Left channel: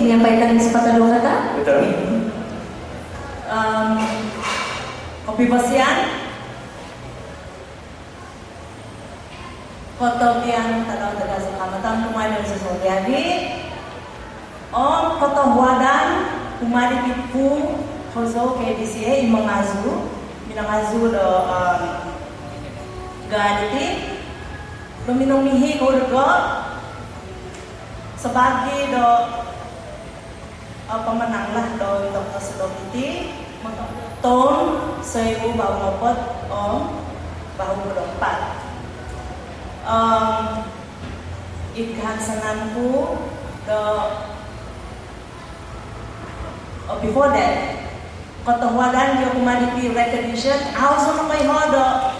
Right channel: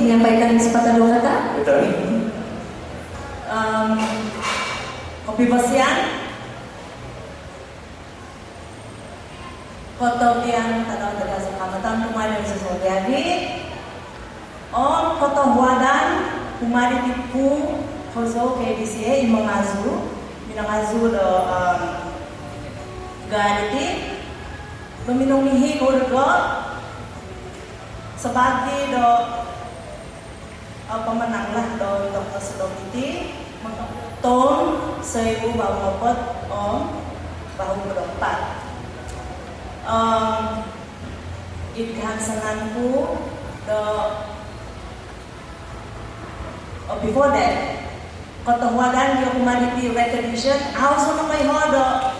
menyampaikan sepatah dua kata. Betul. Kopi Bosian, Koto Biang Tanah Tegas Kecamatan Kumari Susul Jadi, Koto Huadan Kumari Tipu Koso KDCA Imangazu, Minangazu do Gaditi, Peminum Mihi Urgo sebagai do pemenang lah do Dr. Sedopiti Ton Seibu Bahu Ngopot Bahu Berempat. Idhan senanku before that Kota Huadan your humanity recognition also namai hodo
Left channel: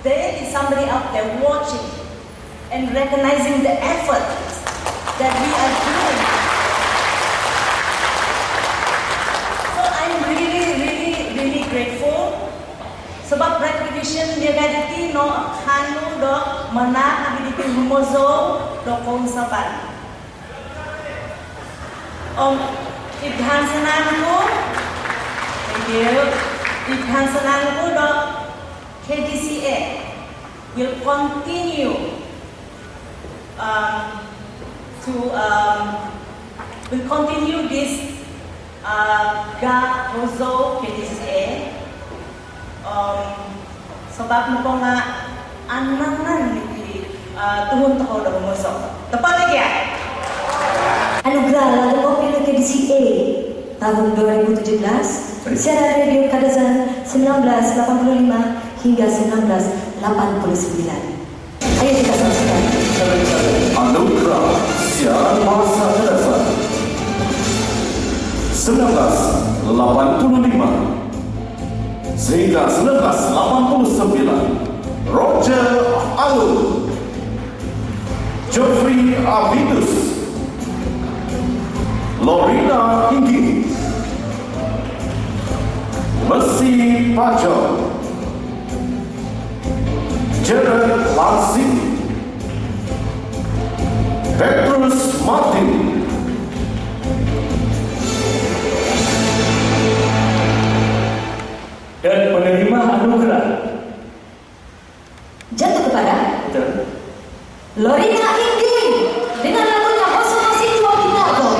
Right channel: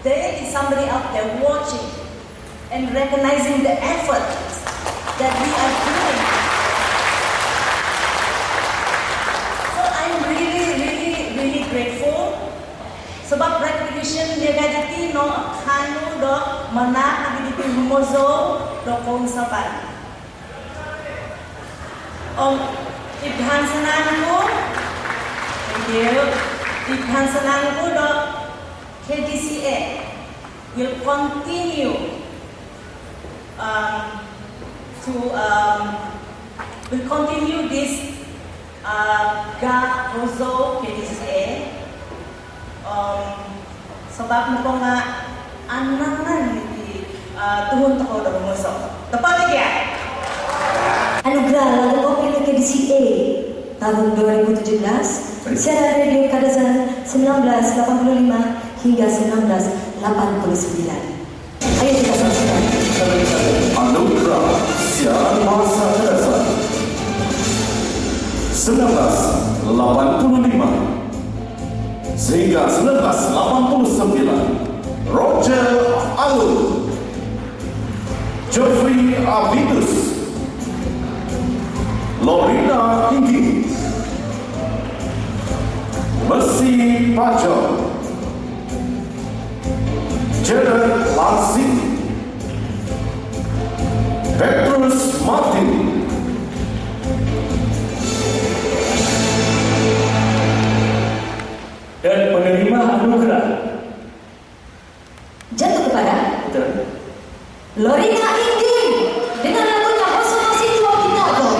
there is somebody out there watching and recognizing the effort that we are doing. So I'm really grateful. Sebab recognition dia gaditi no kanu do mana ability humozo do kong saban. Ibhan senangku, thank you. Ibhan senangku do KDCA will continue this ga hozo KDCA. Sebab muka nga ananan di tuhun toko dah musuh. Tepat lagi ya? Anugerah Lagu Kopi KDCA tahun 2017 siaran radio Kadazan 1985 hingga 1989. Ayo kita saksikan. Anugerah siaran bahasa Kadazan 1985 sehingga 1989. Roger Alun, Geoffrey Avidus, Lorina Hinggi, Mercy Pajo, Jared Lansing, Petrus Martin, dan penerima anugerah jatuh kepada Lorina Hinggi dengan lagunya Hoso Masih Tua Bintako.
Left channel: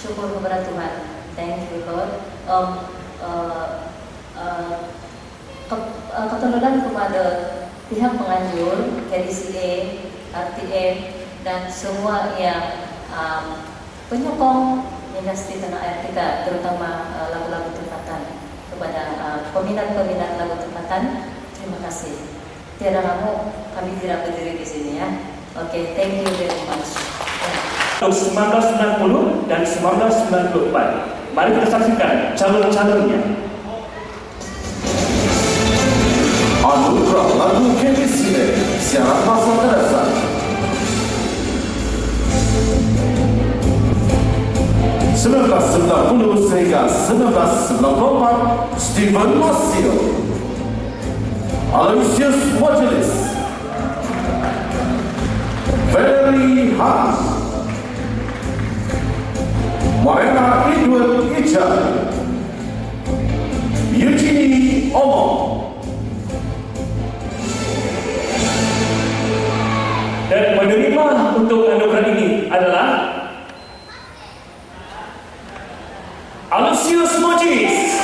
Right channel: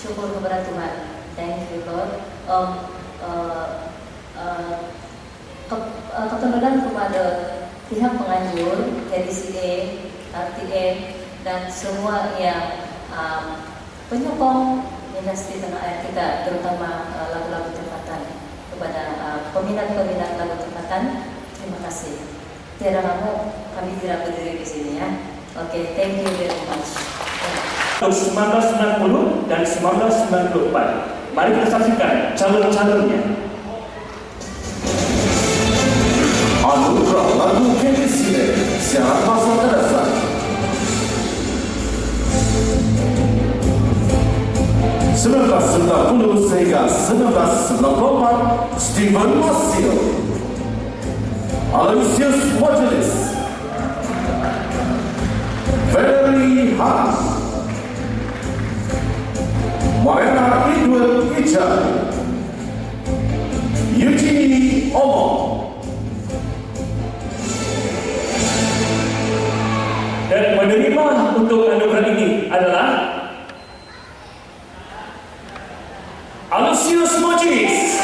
Syukur kepada Tuhan. Thank you Lord. Keteluran kepada pihak penganjur, KDCA, RTM, dan semua yang penyokong industri tanah air kita, terutama lagu-lagu tempatan, kepada peminat-peminat lagu tempatan. Terima kasih. Tiada kamu, kami tidak berdiri di sini ya. Oke, thank you very much. 1990 dan 1994. Mari kita saksikan calon-calonnya. Anugerah Lagu KDCA siaran bahasa Kadazan 1990 sehingga 1994. Stephen Masio, Aloysius Mojelis, Valerie Haas, Morena Edward Ijan, Eugenie Omo. Dan menerima untuk anugerah ini adalah Aloysius Mojelis.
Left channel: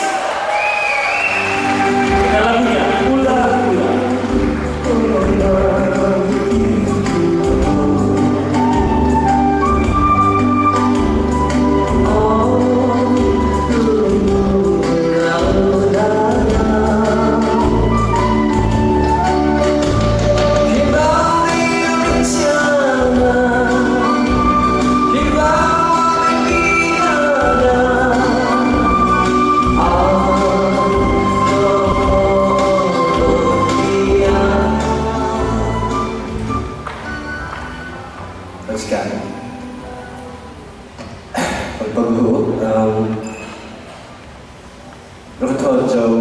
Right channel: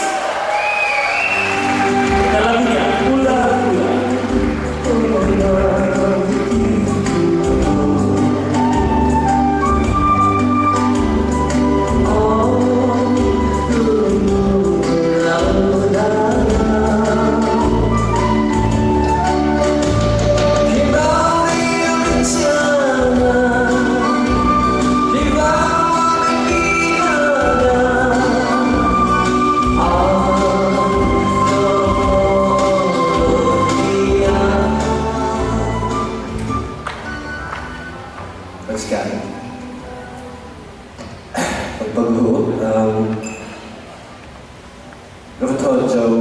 Doktor Joe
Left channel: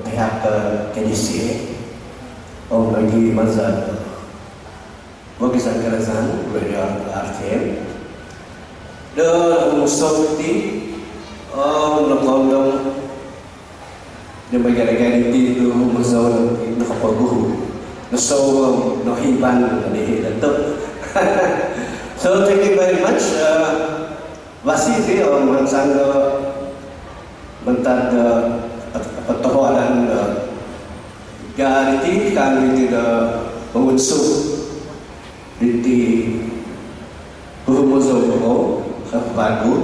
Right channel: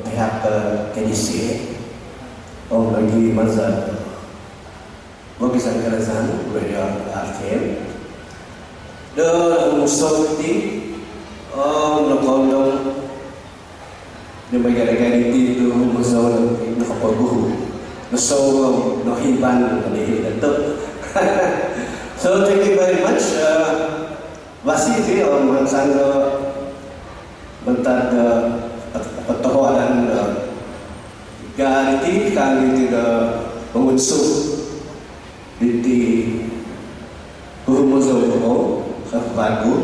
pihak KDCA Om lagi mazhab bagi sangkaran beliau RTM dan musuh di Om lekondong di bagian itu musuh nak paguh musuh nak hiban di datuk. So thank you very much. Masih sih Om Sangga bentar pertuanan gariti kami tidak mengunsur di humuzo bagu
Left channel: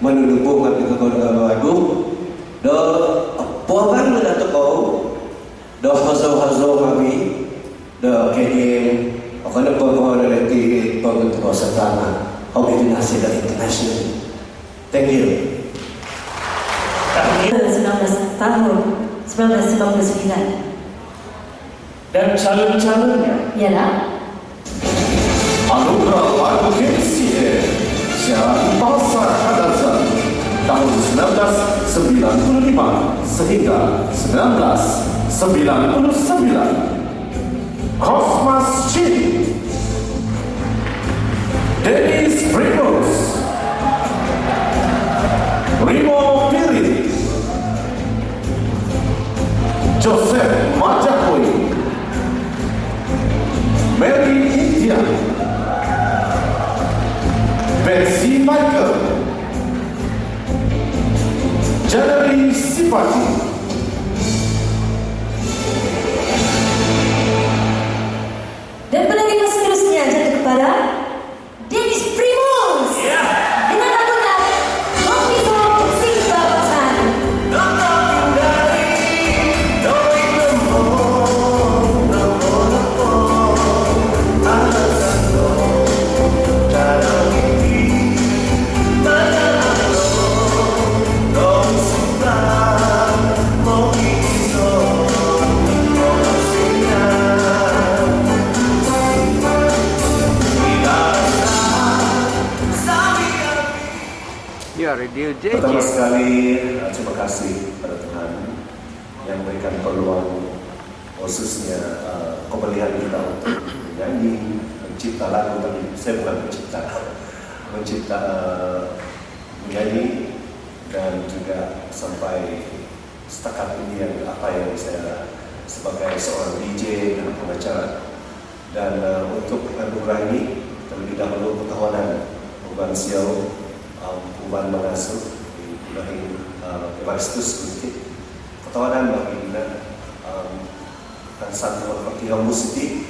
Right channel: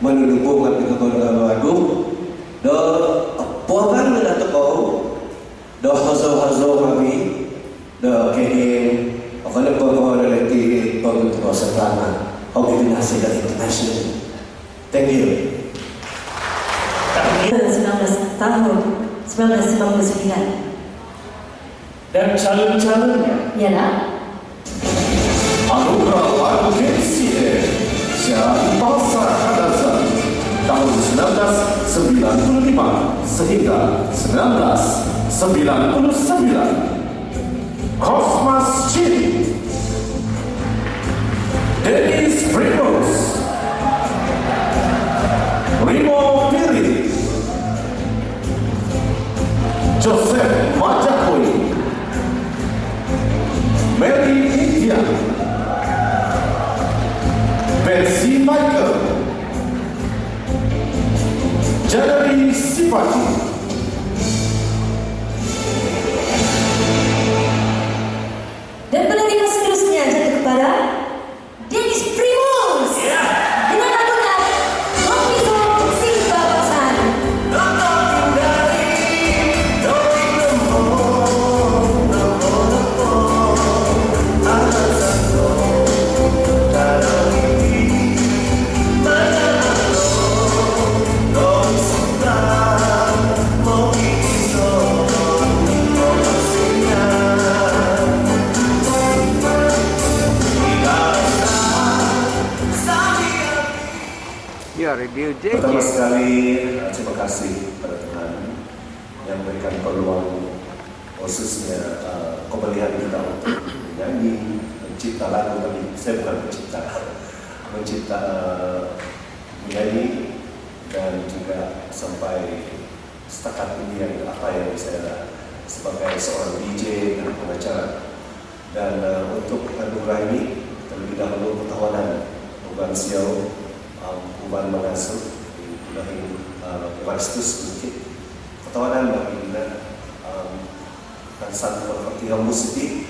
menundukung kami ke bagu do puakan mendatuk kau do hazo kami do KDM akan berkoordinasi lagi pembentuk setelah organisasi dan internasional. Thank you. 19 tahun 1999 dan calon-calonnya ialah Anugerah Lagu KCA Syarah Pasar Kadazan tahun 1995 sehingga 1999. Cosmas Chin, Dennis Primus, Rimo Piri, Joseph Majakoi, Mary India, Betsy Michael, Janari Sipati, dan penantian seterusnya jatuh kepada Dennis Primus dengan lagunya Kopi Song Sing Babasan. Ya, radio Pertama JJ. sekali terima kasih pada Tuhan yang memberikan peluang khususnya kembalian kita untuk menyanyi, mencipta lagu. Tapi saya bukan mencipta menyanyi dan juga sampai setakat ini yang apa yang saya sebagai seorang DJ dan pengacara. Dan untuk anugerah ini terlebih dahulu ketahuan Bukan Siau Bukan Mengasuh di Bulahin Baristus Bukit ketawanan bagi kita dan satu Al-Fatihah Musiti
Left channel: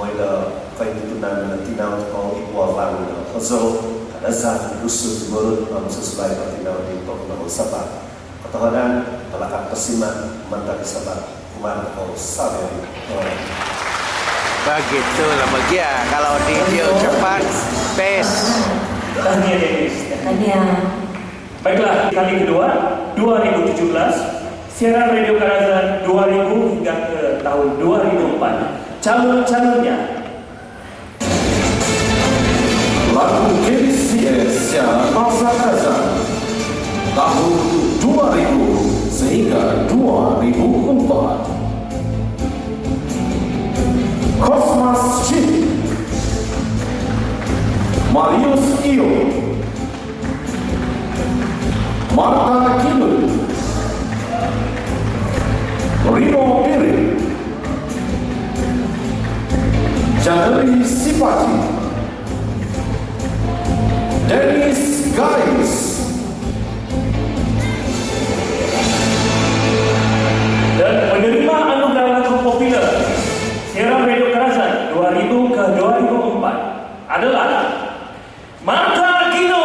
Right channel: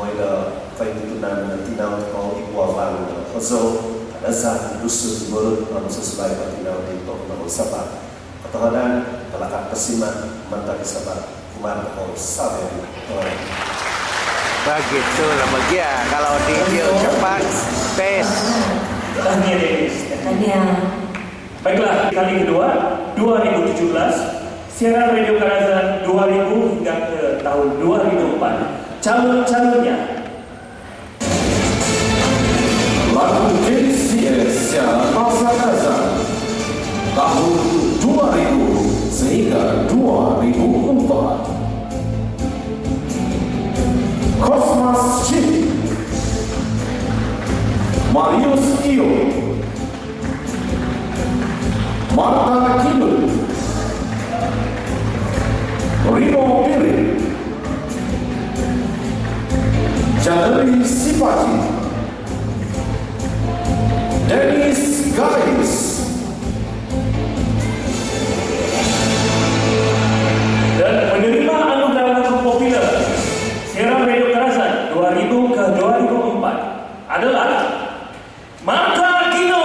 Moida Faiditunan Tinau Kau Ibuavan Hazo Kadazah Dusun Timurut sesuai Fatinau di Pokemon Sabah ketawanan Pelakat Persiman Mantap Sabah Kumar Kau Sabar Begitulah begia kalau DJ cepat pace. tahniah Dennis. Tahniah. Baiklah, kali kedua 2017 siaran Radio Kadazan 2000 hingga ke tahun 2004. Calon-calonnya Lagu KCA Syarah Pasar Kadazan tahun 2000 sehingga 2004. Cosmas Chin, Marius Iyo, Marta Kidul, Rimo Piri, Janari Sipati, Dennis Gais, dan menerima anugerah lagu populer siaran Radio Kadazan 2000 ke 2004 adalah Marta Gino.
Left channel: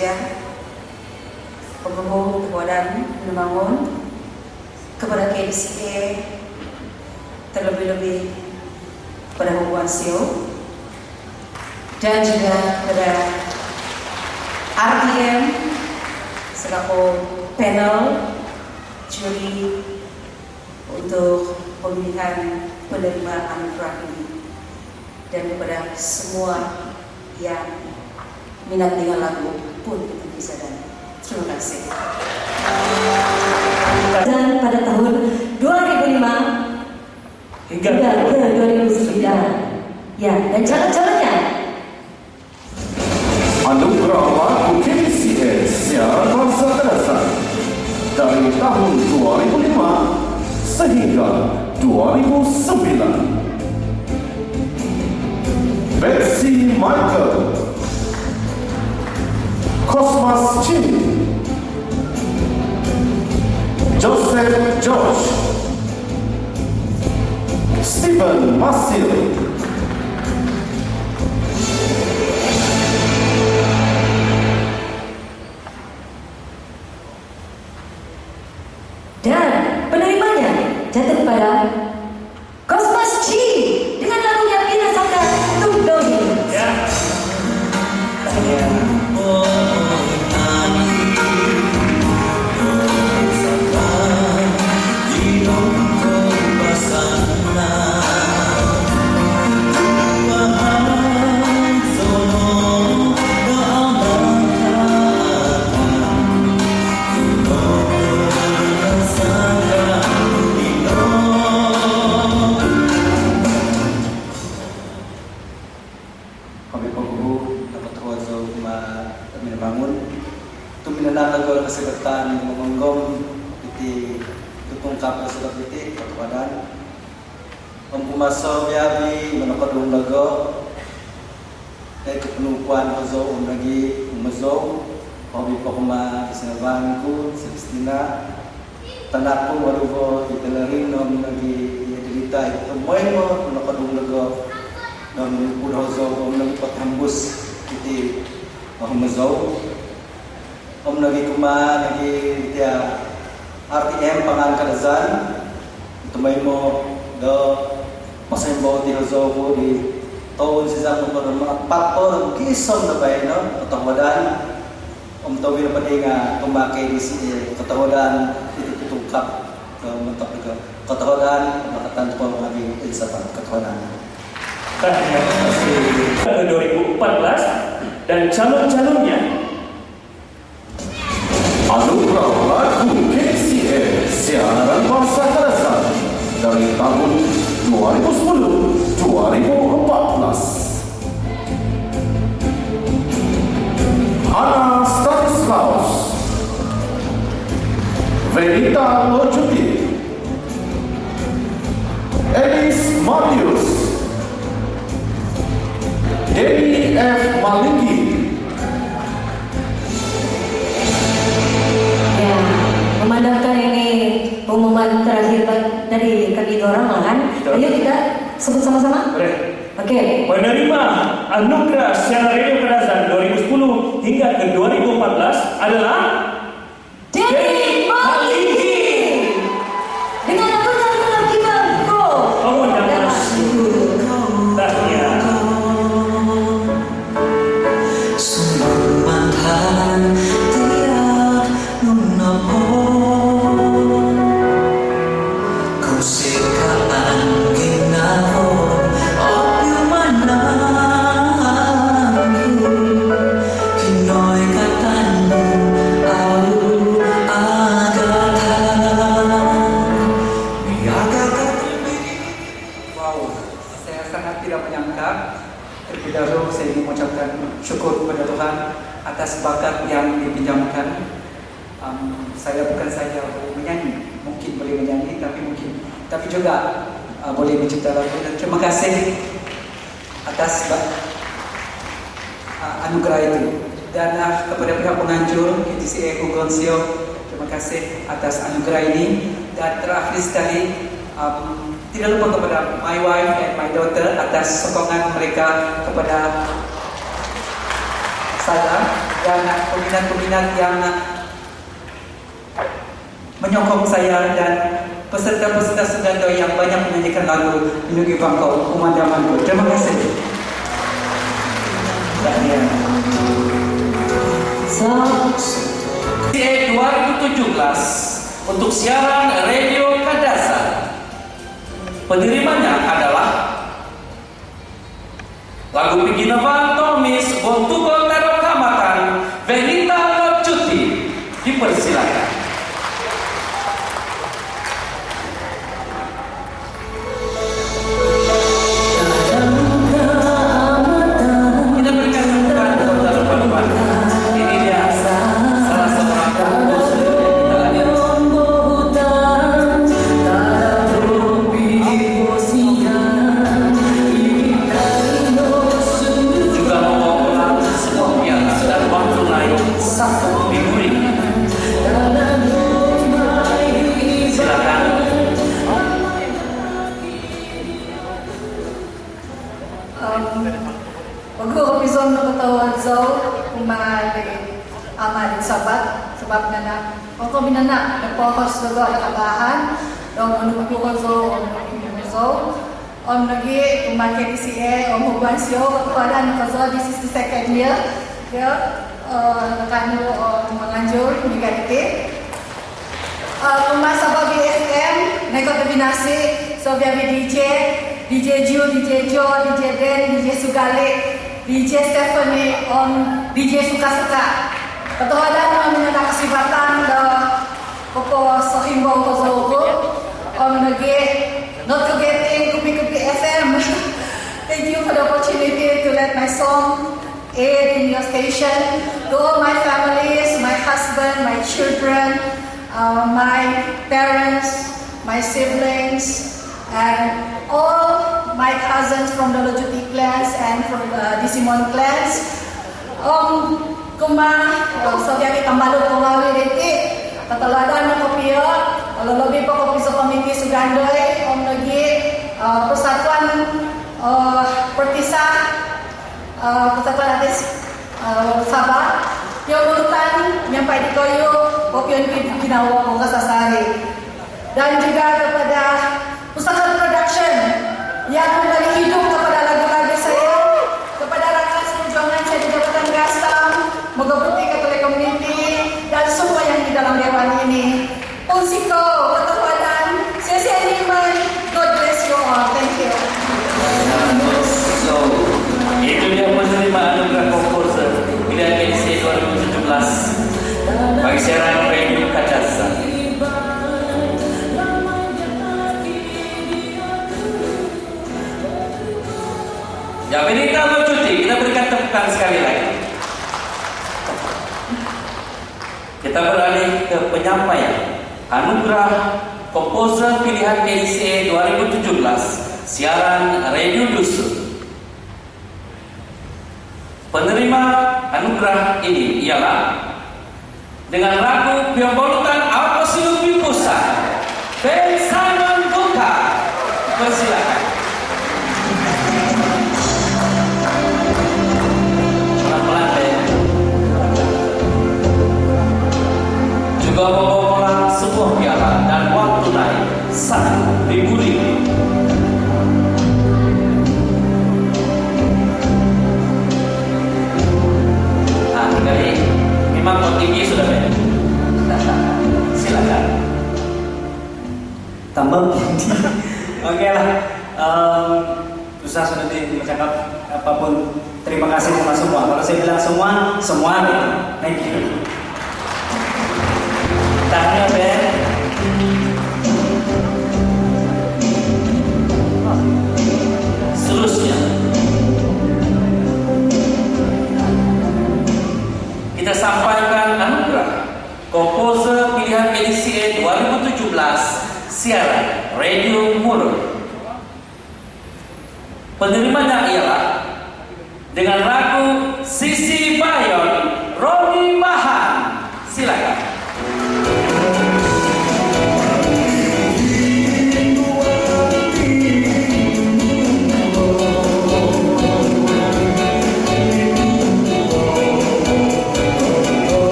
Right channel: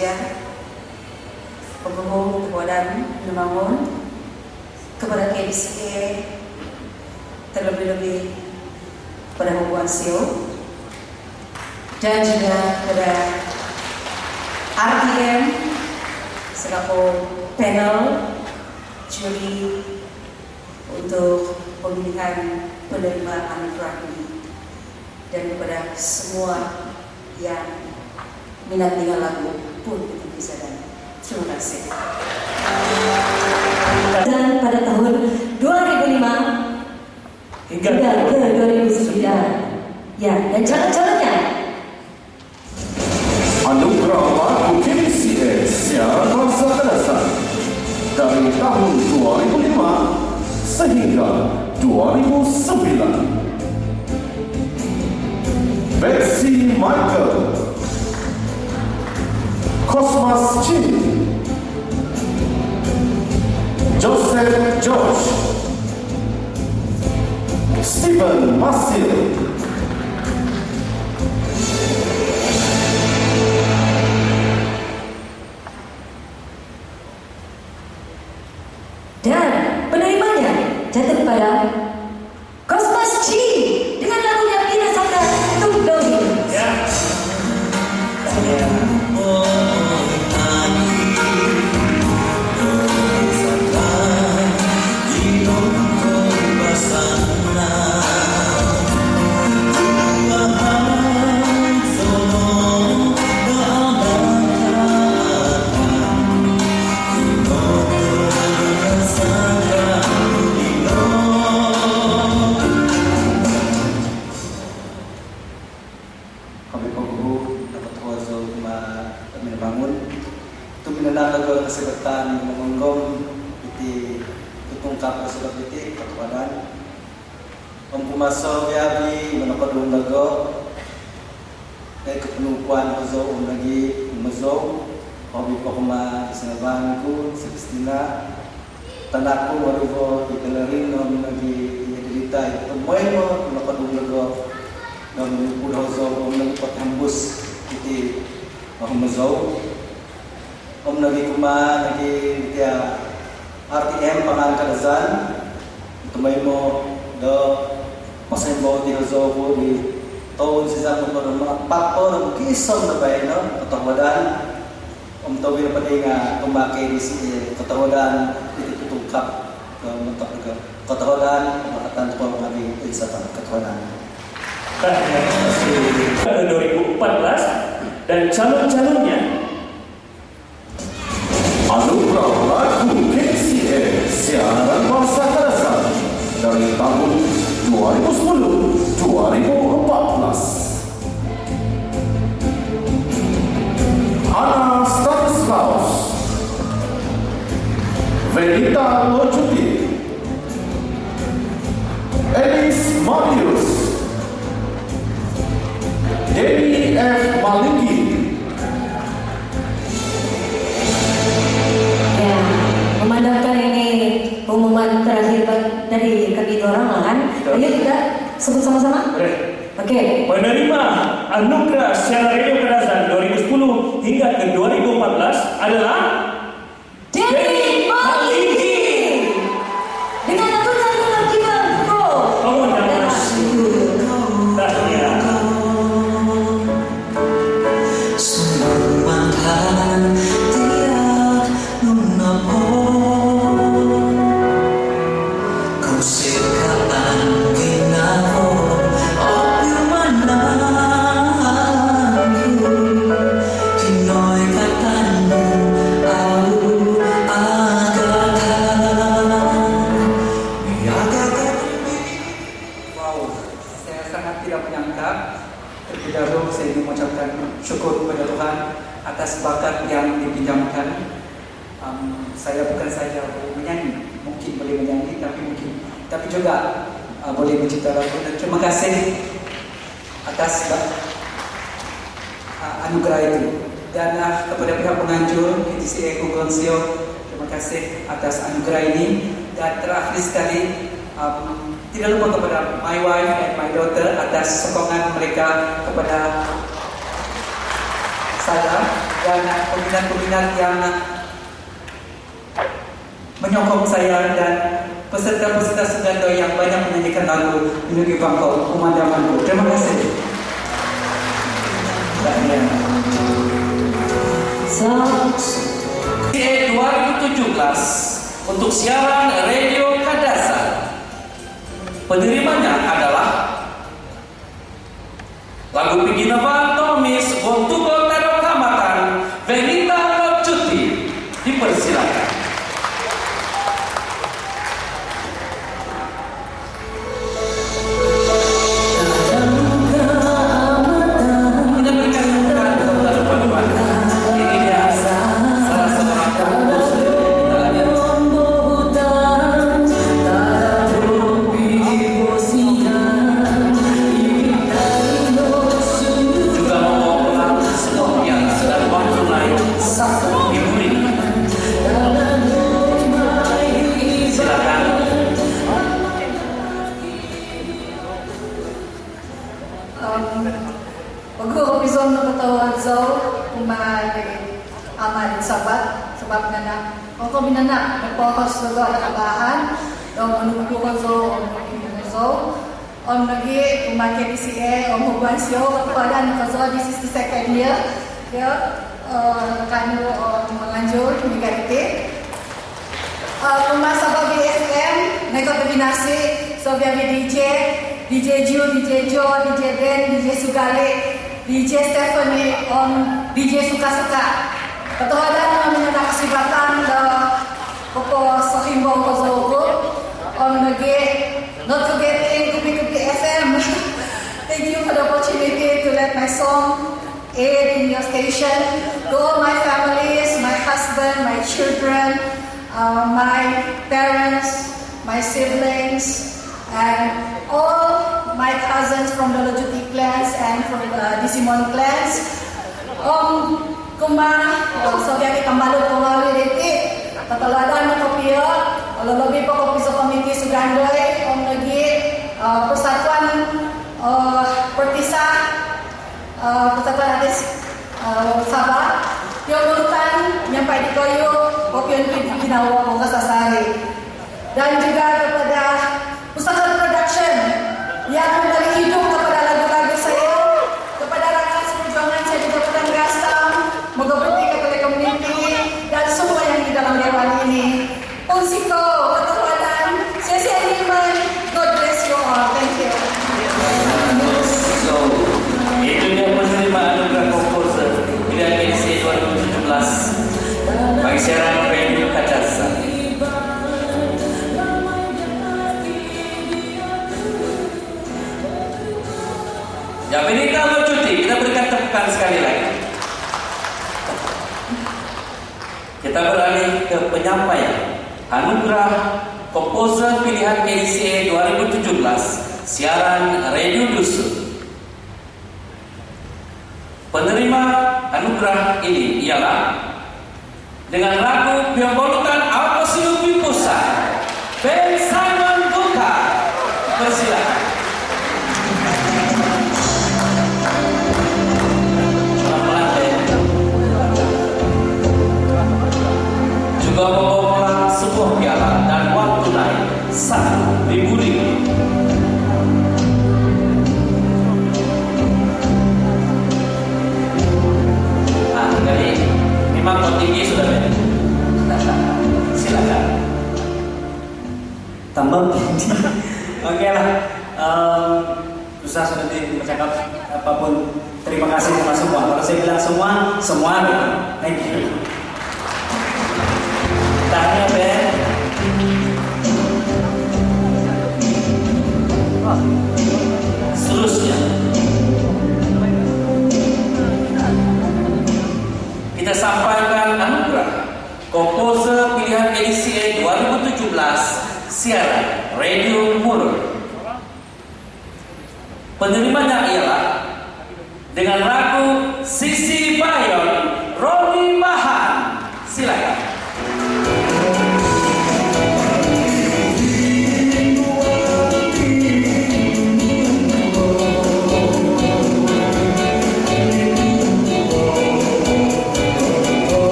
sekalian, penghubung Wadan Membangun, kepada KDCA, terlebih-lebih pada hubungan SEO, dan juga pada RTM selaku panel juri untuk pemilihan penerima anugerah ini, dan kepada semua yang minat dengan lagu pun itu bisa. Dan terima kasih. Dan pada tahun 2005 hingga hingga ke 2009, ya, dan calon-calonnya Anugerah Lagu KCA Siaran Bangsa Kadasan dari tahun 2005 sehingga 2009. Betsy Michael, Cosmas Chin, Joseph George, Stephen Masil, dan penerimanya jatuh kepada Cosmas Chi dengan lagunya Bila Sangka Tungdoi. ya. Kami penghubung dapat tawazo Membangun itu minanang lagu kesebatan mengonggong iti tutungkap sebab iti kepadan mempumaso biabi menokadung lagu kepenukuan hozo lagi mezo hobi pokma kesanabanku sebistina tanaku waduvo ditelerin nom lagi derita itu moemo menokadung lagu dan udah hozo menelipat hembus iti mezo om lagi kuma lagi dia RTM pangan kadazan itu mo do masih bawa di hozo di tahun sisa motor pator kisah na bay no ketahuan om tawin pa nga pemakai di sini ketahuan itu tutungkap mentok juga ketahuan makatan ko kami isa pa ketahuan Ke 2014 dan calon-calonnya Anugerah Lagu KCA Siaran Bangsa Kadasan dari tahun 2010-2014. Hana Stanislaus, Venita Lojuti, Elis Marius, Dewi F. Maliki, Ya, memandangkan ini pengumuman terakhir dari kami dua orang lah kan. Ayo kita sebut sama-sama. Boleh. Oke. Penerima Anugerah Siaran Radio Kadasan 2010 hingga ke 2014 adalah Dewi Maliki dengan lagunya Lelaki Bangko. Bangun dan Tahniah. Saya sangat tidak menyangka. Terlebih dahulu saya ingin mengucapkan syukur kepada Tuhan atas bakat yang dipinjamkan. Saya bukan saja boleh menyanyi, mungkin boleh menyanyi, tapi juga boleh mencipta lagu. Dan terima kasih atas anugerah itu. Dan kepada pihak penganjur KCA Kugonsio, terima kasih atas anugerah ini. Dan terakhir sekali, tidak lupa kepada my wife and my daughter atas sokongan mereka kepada saya dan peminat-peminat yang menyokong saya dan peserta-peserta Sugando yang banyak menyanyikan lagu Inugi Bangkok Pemandamanku. Terima kasih. KDSI 2017 untuk siaran Radio Kadasa. Penerimanya adalah lagu Piginavan Tomis Bontugo Terok Kamatan Venita Locuti. Dipersilakan. Kita berikan tepuk tangan teman-teman. Ini dia salah seorang komposer yang kita juga membawa sebuah piala dan uang tunai Rp1.000. Silakan. Bago episode na katawan so umali ama din sabat sebab nana ako binana nagpokus lugo nakabahan dong menunggu ko so on lagi umaket ICA om huban siyo kepada nakazo this is the second year ya kanu menganjur migarite Pemasa BFM nekot binasi so biabi DJ Ju, DJ Jo, DJ Ben, DJ Sugale, DJ Stephanie, DJ Suka-Suka. Ketuhanan menyatakan kesibatan Koko Sohimbo Kozogo, not forgetting Kupi-Kupi FM. Thank you for the opportunity to let my song air in your station. To all my families, my husband, my children, my parents, my siblings, and all my cousins from the Lojuti clans and from the Disimon clans. Sabiaki tambalog kumawi riti, kataladan ng kopiyo, lolobi po kopi sa komiti Sugandoy, nagi persatuan Pertisa, persatuan atis Sabah, yung urutan, yang pwede kayo, kopiyon ginawa ko kasasari. Dan juga kepada Pusaka Production yang memberi hidup kepada lagu-lagu saya, kepada rakyat perjuangan saya di Kabupaten Gastam, Mogoberti Catholic Community, dan semua yang di dalam dewan ini. Unsiko, ketuhanan, saya Niman, God bless you all. Thank you. So, itu dia penerimaan anugerah komposer pilihan KDSI 2017 bagi siaran Radio Kadasa. Ya, Venita Locuti, kita berikan tepukan sekali lagi. Kita beralih ke penyampaian anugerah komposer pilihan KDSI 2017 siaran Radio Dusun. Penerima anugerah ini ialah dengan lagu Piambolutan Apa Silupi Pusat Ben Simon Duka. Persilakan. Juga membawa sebuah piala dan uang tunai Rp1.000. Nah, kali memang kok tinggi sudah Ben. Silakan. Tambah tinggi. Oke lah. Susah sudah bercakap apapun. Terima kasih sama semua. Kalau saya bilang semua deh. Thank you. Tanya Ben. Seterusnya kita sampaikan anugerah komposer pilihan KDSI 2017 siaran Radio Murur. Penerimanya ialah dengan lagu Sisi Bayon Roni Mahan. Silakan.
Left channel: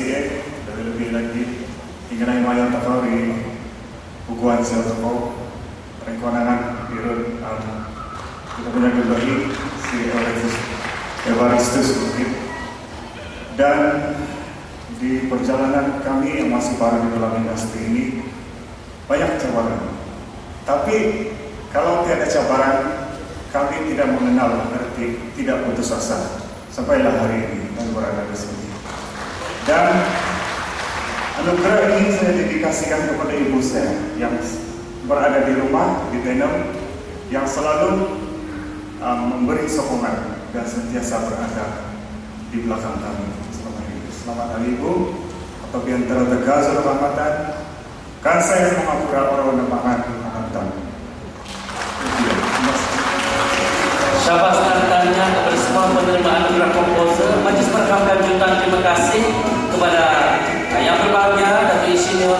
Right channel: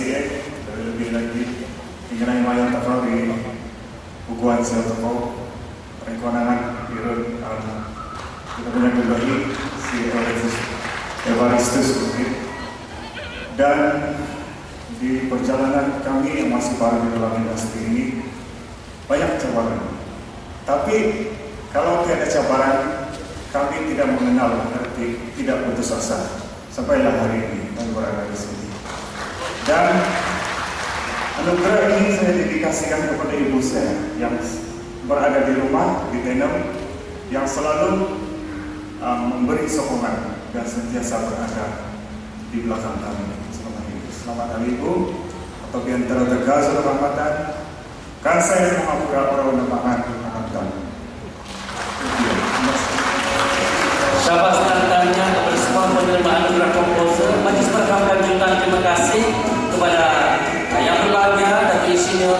DCE, lebih lagi mengenai mayor terkori bukuan saya toko rekonangan dirut kita punya kembali si Alexis Evaristus mungkin. Dan di perjalanan kami yang masih baru di dalam industri ini banyak cabaran. Tapi kalau tiada cabaran, kami tidak mengenal arti tidak putus asa. Sampailah hari ini kami berada di sini. Dan anugerah ini saya dedikasikan kepada ibu saya yang berada di rumah di Tenem, yang selalu memberi sokongan dan sentiasa berada di belakang kami. Selamat hari Ibu, atau biantara tegas rahmatan, kan saya menghapura orang namakan akan. Syabas tantanya kepada semua penerima anugerah komposer. Majlis berkah dan jutaan terima kasih kepada yang berbahagia Datuk Insinyur